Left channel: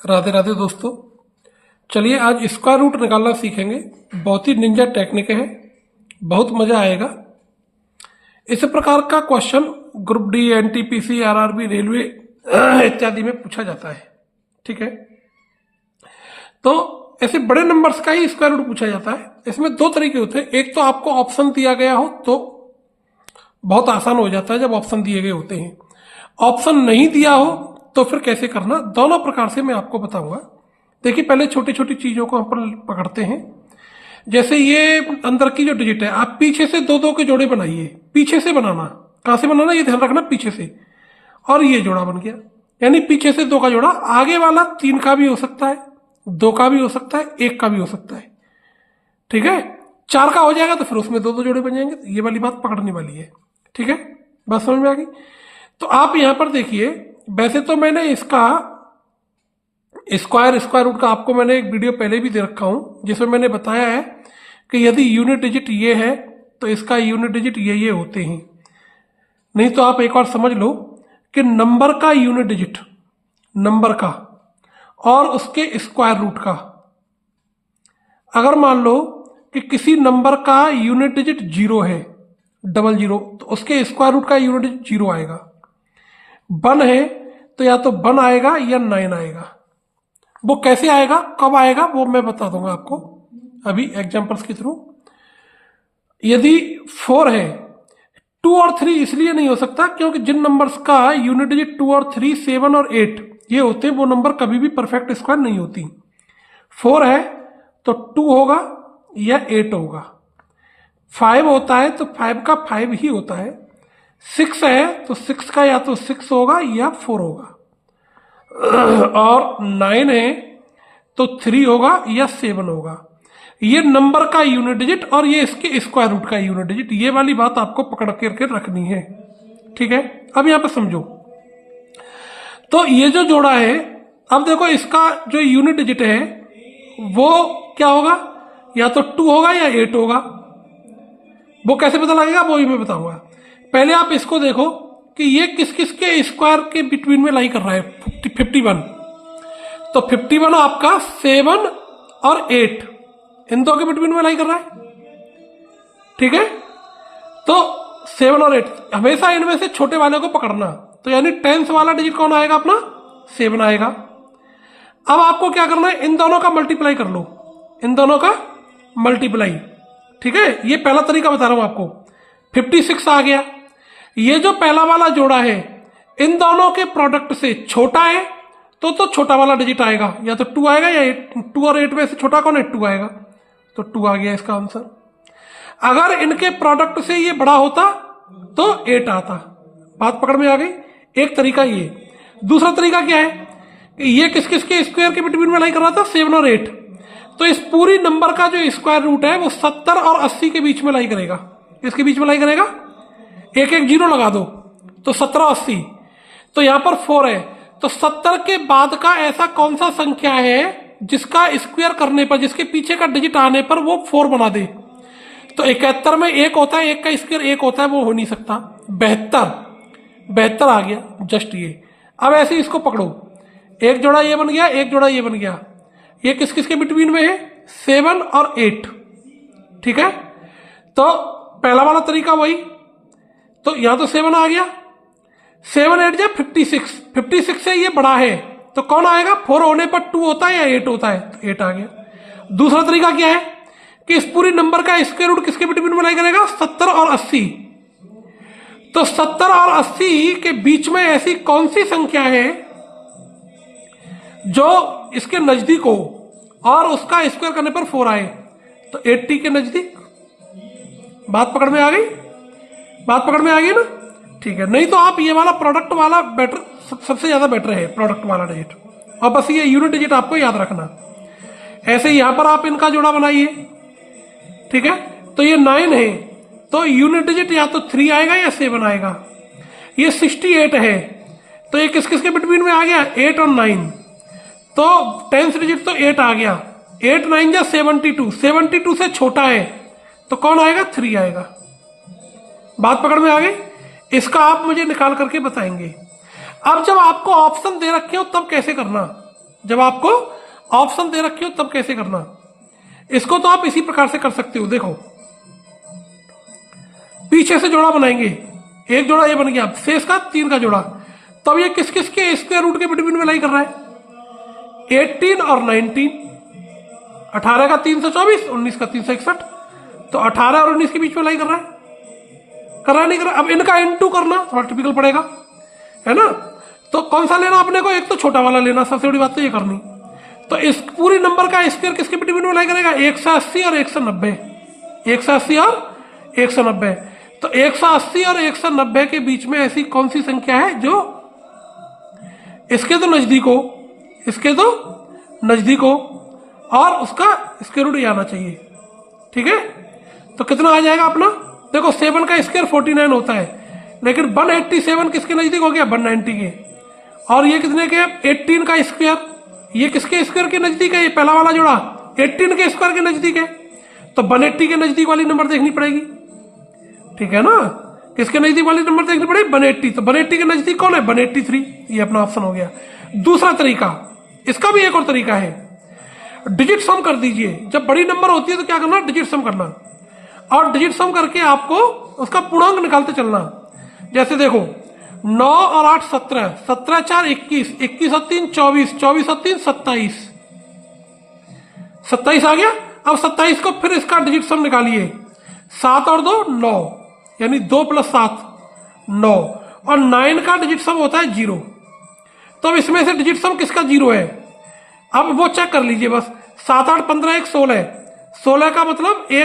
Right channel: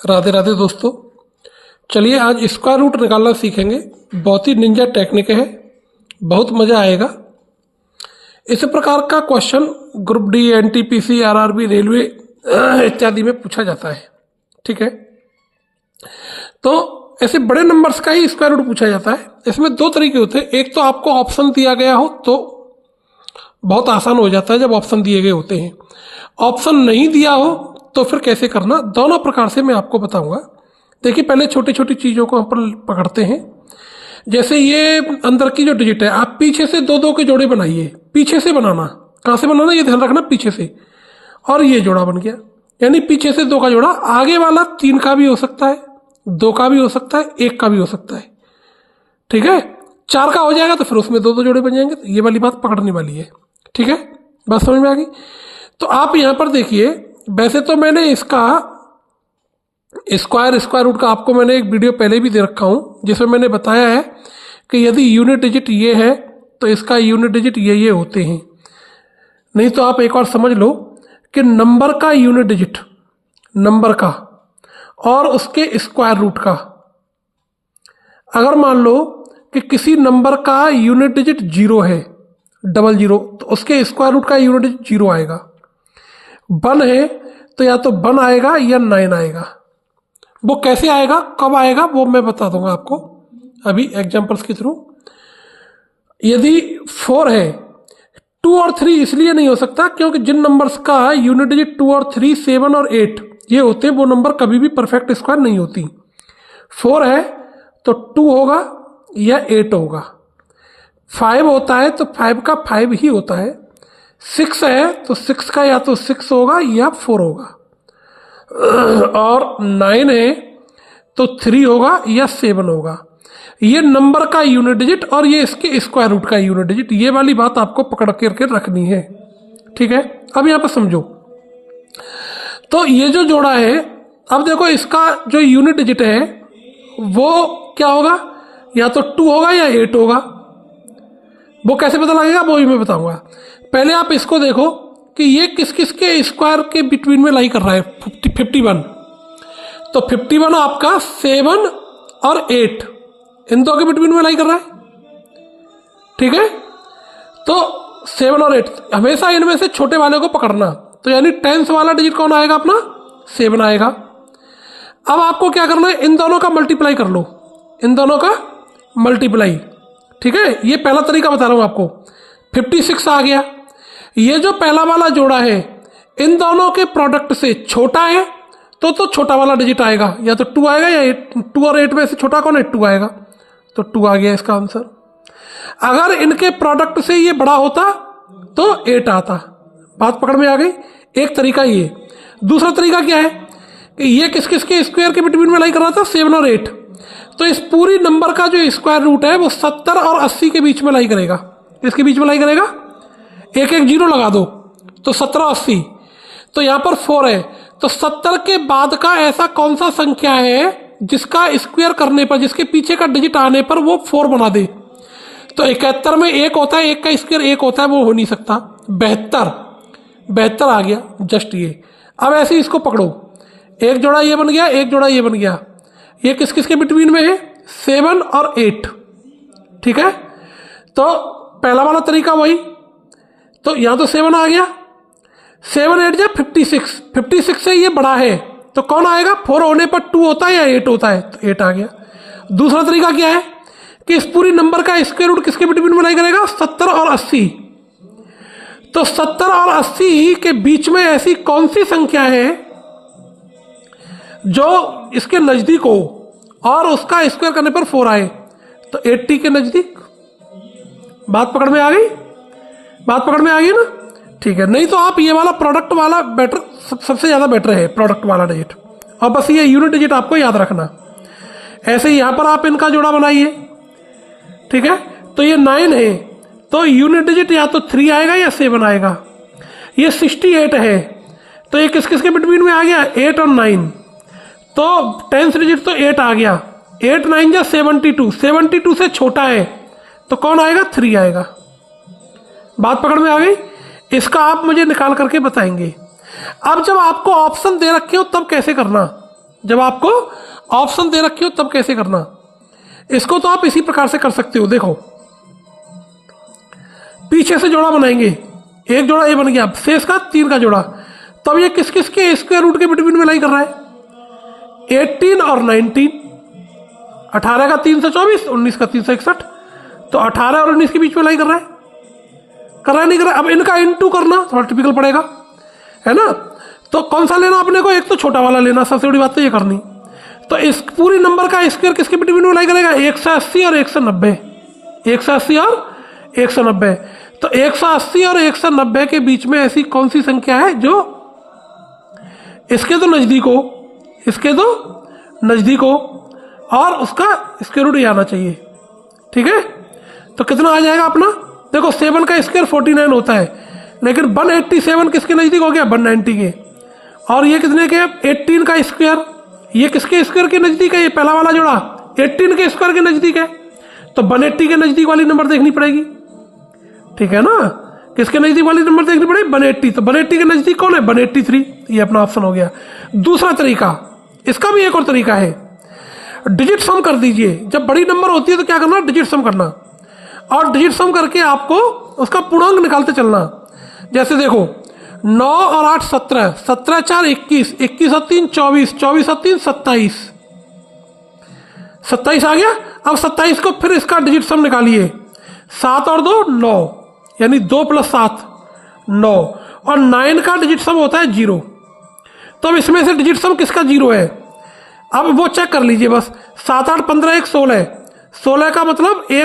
राधे राधे दोस्तों। चलिए आज स्क्वायर रूट निकालना सीखेंगे। बहुत ही निंजा टेक्निक है, बहुत मज़ा आएगा। इस प्रकार का question group D, NTPC, RRB, railway इत्यादि में पूछा जाता है। ठीक है, तो ऐसे बड़े नंबर्स का ही स्क्वायर रूट पूछा जाता है। इसमें दो तरीके होते हैं। एक तो आपको ऑप्शन दिया गया हो तो बहुत आसान हो जाता है जब ऑप्शन दिए गए होते हैं। ऑप्शन नहीं दिया हो तो फिर कैसे करना, दोनों प्रकार से मैं आपको बताऊंगा। देखिए, पहले छोटी छोटी चीज़ों को हम पकड़ते हैं। जैसे ये अंदर की जो डिजिट है, आप पीछे से दो दो के जोड़े बनाइए। पीछे से बनाना, कहाँ से बनाना ये ध्यान रखना, पीछे से। और ये जोड़ा बन गया, यानी पीछे से दो का जोड़ा। आगे वाला 3 का भी हो सकता है, 2 का भी हो सकता है, 1 का भी हो सकता है। ठीक है, 4 का हो जाएगा तो फिर उसमें दो दो जोड़े बन जाएंगे। तो ये वाली बात पकड़ने वाली है। ठीक है, बात समझ में आ गई। तो आप यहाँ पर देखिए, वैसे तो मैंने इसका स्क्वायर रूट का आपको मैंने एक वीडियो पहले भी दे रखा हूँ, जिसमें मैंने बताया है कि यदि यूनिट डिजिट ये है तो इसका यूनिट डिजिट ये होते हैं। नहीं तो आप एक और समझ लो कि नंबर का यूनिट डिजिट, नंबर का और उसके स्क्वायर रूट का, अगर मान लो कि किसी नंबर का यूनिट डिजिट 0 है, 00, तो उसके स्क्वायर रूट का यूनिट डिजिट 0 आएगा। 1 है तो या तो 1 आएगा या 9 आएगा। वो कैसे आएगा, कब आएगा, वो मैं बता दूंगा आपको अभी एग्जांपल्स के थ्रू। यदि 4 है, 2 और 3 इसलिए नहीं हो सकता क्योंकि जिन नंबर्स का यूनिट डिजिट 2 और 3, 7 और 8 ये होते हैं, वो नंबर कभी भी परफेक्ट स्क्वायर नहीं होती। 4 है तो 2 होगा या 8 होगा। 5 होता है तो 5 का 5 ही होता है। 6 है तो 6 का या तो 6 होगा या 4 होगा। और 9 है तो 3 होगा या 7 होगा। ये नंबर का यूनिट डिजिट और ये इसके स्क्वायर रूट का यूनिट डिजिट, ये वाली बात आपको पकड़ करके रखनी है। ठीक है, अब यहाँ पर समझो। तो ये जो जोड़ा है, अब देखो इसका जो यूनिट डिजिट है वो क्या होगा, या तो 2 होगा या 8 होगा। वो कैसे पता लगेगा वो भी मैं बताऊंगा। पहले आप इसको देखो कि ये किस किस के स्क्वायर के बिटवीन में लाई कर रहा है। 51, तो 51 आपका 7 और 8 इन दो के बिटवीन में लाई कर रहा है। ठीक है, तो 7 और 8 हमेशा इनमें से छोटे वाले को पकड़ना। तो यानी 10th वाला डिजिट कौन आएगा, अपना 7 आएगा। अब आपको क्या करना है, इन दोनों का मल्टीप्लाई कर लो, इन दोनों का मल्टीप्लाई। ठीक है, ये पहला तरीका बता रहा हूं आपको। 56 आ गया। ये जो पहला वाला जोड़ा है, इन दोनों के प्रोडक्ट से छोटा है तो छोटा वाला डिजिट आएगा, या तो 2 आएगा या 8। 2 और 8 में से छोटा कौन है, 2 आएगा, तो 2 आ गया इसका आंसर। अगर इनके प्रोडक्ट से ये बड़ा होता तो 8 आता। बात पकड़ में आ गई। एक तरीका ये। दूसरा तरीका क्या है कि ये किस किस के स्क्वायर के बिटवीन में लाई कर रहा था, 7 और 8। तो इस पूरी नंबर का जो स्क्वायर रूट है वो 70 और 80 के बीच में लाई करेगा। इसके बीच में लाई करेगा, एक एक जीरो लगा दो तो 17, 80। तो यहां पर 4 है, तो 70 के बाद का ऐसा कौन सा संख्या है जिसका स्क्वायर करने पर, जिसके पीछे का डिजिट आने पर वो 4 बना दे। तो 71 में 1 होता है, 1 का स्क्वायर 1 होता है, वो हो नहीं सकता। 72 आ गया, जस्ट ये। अब ऐसे इसको पकड़ो, एक जोड़ा ये बन गया, एक जोड़ा ये बन गया। ये किस किस के बिटवीन में है, 7 और 8। ठीक है, तो पहला वाला तरीका वही। तो यहां तो 7 आ गया, 7 8 जा 56। 56 से ये बड़ा है तो कौन आएगा, 4 होने पर 2 होता है या 8 होता है, तो 8 आ गया। दूसरा तरीका क्या है कि इस पूरी नंबर का स्क्वायर रूट किसके बिटवीन में लाई करेगा, 70 और 80। तो 70 और 80 के बीच में ऐसी कौन सी संख्या है जो इसके नजदीक हो और उसका स्क्वायर करने पर 4 आए, तो 80 के नजदीक। बात पकड़ में आ गई, बात पकड़ में आ गई ना। ठीक है, नहीं तो आप ये वाला प्रोडक्ट वाला बेटर, सबसे ज्यादा बेटर है प्रोडक्ट वाला डिजिट। और बस ये यूनिट डिजिट आपको याद रखना। ऐसे ही यहां पर आप इनका जोड़ा बनाइए। ठीक है, तो ये 9 है तो यूनिट डिजिट या तो 3 आएगा या 7 आएगा। ये 68 है तो ये किस किस के बिटवीन में आ गया, 8 और 9। तो 10th डिजिट तो 8 आ गया। 8 9 जा 72, 72 से छोटा है तो कौन आएगा, 3 आएगा। बात पकड़ में आ गई। इसका आप मुझे निकाल करके बताएंगे। अब जब आपको ऑप्शन दे रखे हो तब कैसे करना, जब आपको ऑप्शन दे रखे हो तब कैसे करना। इसको तो आप इसी प्रकार से कर सकते हो। देखो, पीछे से जोड़ा बनाएंगे, एक जोड़ा ए बन गया, शेष का 3 का जोड़ा। तब ये किस किस के स्क्वायर रूट के बिटवीन में लाई कर रहा है? 18 और 19, 18 का 324, 19 का 361, तो 18 और 19 के बीच में लाई कर रहा है, नहीं कर रहा है। अब इनका इनटू करना थोड़ा टिपिकल पड़ेगा, है ना। तो कौन सा लेना अपने को? एक तो छोटा वाला लेना, सबसे बड़ी बात तो ये करनी। तो इस पूरी नंबर का स्क्वायर किसके बिटवीन में लाई करेगा? 180 और 190, 180 और 190। तो 180 और 190 के बीच में ऐसी कौन सी संख्या है जो इसके तो नजदीक हो, इसके तो नजदीक हो, और उसका स्क्वायर रूट ये आना चाहिए। ठीक है, तो कितना आ जाएगा अपना? देखो 7 का स्क्वायर 49 होता है, लेकिन 187 किसके नजदीक हो गया? 190 के। और ये कितने के? 18 का स्क्वायर, ये किसके स्क्वायर के नजदीक है? ये पहला वाला जोड़ा 18 के स्क्वायर के नजदीक है, तो 180 के नजदीक वाली नंबर देखनी पड़ेगी। ठीक है ना, किसके नजदीक वाली नंबर देखनी पड़ेगी? 180। तो 180 के नजदीक कौन है? 183। ये अपना ऑप्शन हो गया। दूसरा तरीका, इसका भी एक और तरीका है, डिजिट सम कर दीजिए। जब बड़ी नंबर होती है तो क्या करना? डिजिट सम करना, और डिजिट सम करके आपको उसका पूर्णांक निकालते चलना। जैसे देखो 9 और 8 17, 17 4 21, 21 और 3 24, 24 और 3 27, 27 आ गया। अब 27 को फिर इसका डिजिट सम निकालिए, 7 और 2 9, यानी 2 + 7 9, और 9 का डिजिट सम होता है 0। तो अब इसमें से डिजिट सम किसका 0 है? अब वो चेक कर लीजिए बस। 7 8 15 1 16, 16 का मतलब 1